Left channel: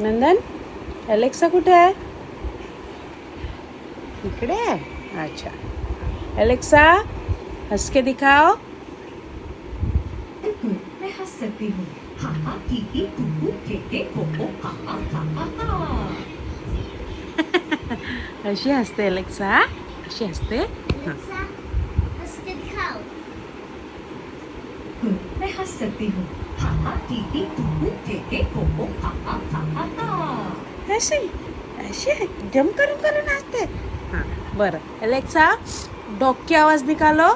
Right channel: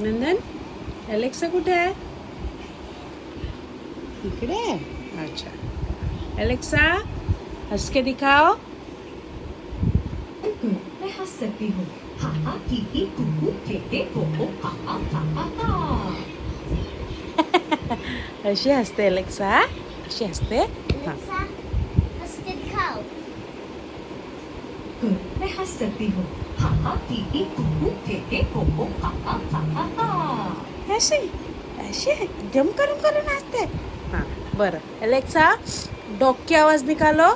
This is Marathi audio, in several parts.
नंदन, अलेक्सा कुठे आहे? इकडे आहे. अच्छा, अलेक्सा हंस के दिखाओ. मैं हंस सकती हूँ. हा हा की की कुकू केके कोको हा हा हा हा हा. अशी हसते अलेक्सा, अशी हसते. हां. अलेक्सा हंस के दिखाओ. मैं हंस सकती हूँ. हा हा की की कुकू केके कोको हा हा हा हा हा. अशी अशी गम करून करून हसते. हां, बरं. अलेक्सा डॉग की आवाज निकालो.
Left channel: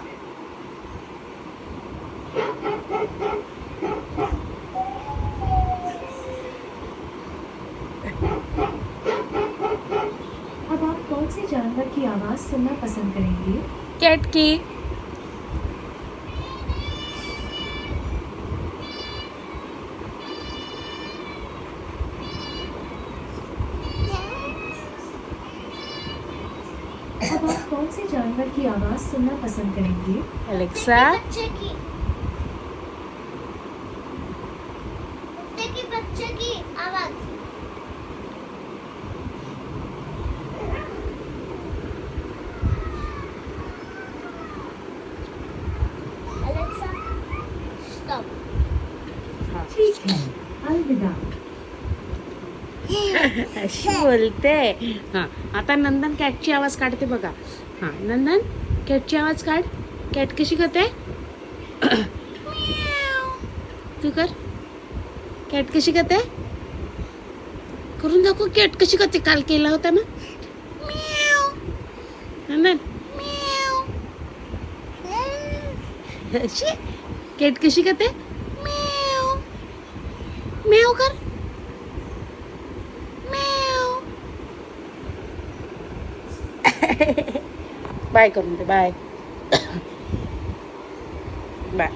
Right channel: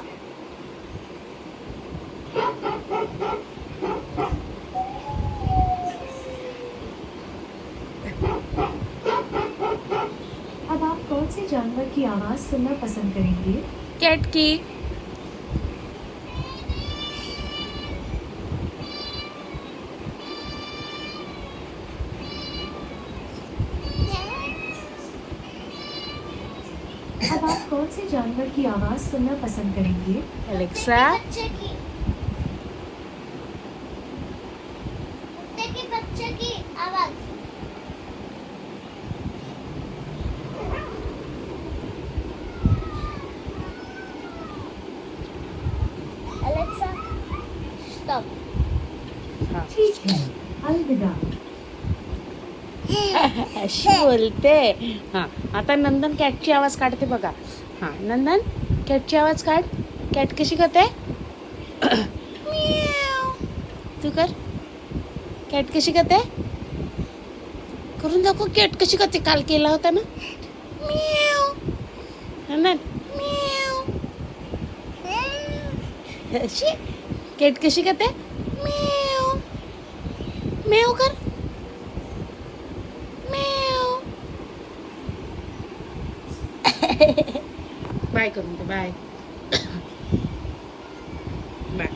अब आप कौन से जानवर की आवाज सुनना पसंद करेंगे? कैट की. अब आप कौन से जानवर की आवाज सुनना पसंद करेंगे? अलेक्सा बच्चे की कुत्ते की बच्चे की आवाज. Alexa stop. हां. ठीक है. अलविदा. अशी बोलते. हां, आता नंदन कॅटची आवाज काढते बघा. हां, नंदन कॅटची आवाज काढ. कॅट कशी करते? ती कर. कॅट कशी करते? करून दाखव. कॅट कशी करते? काल केला होता ना. म्याव. नंदन म्याव. अशी कॅट कशी करते? म्याव. म्याव कर. म्याव. बाय करून दे. बाय. बाय.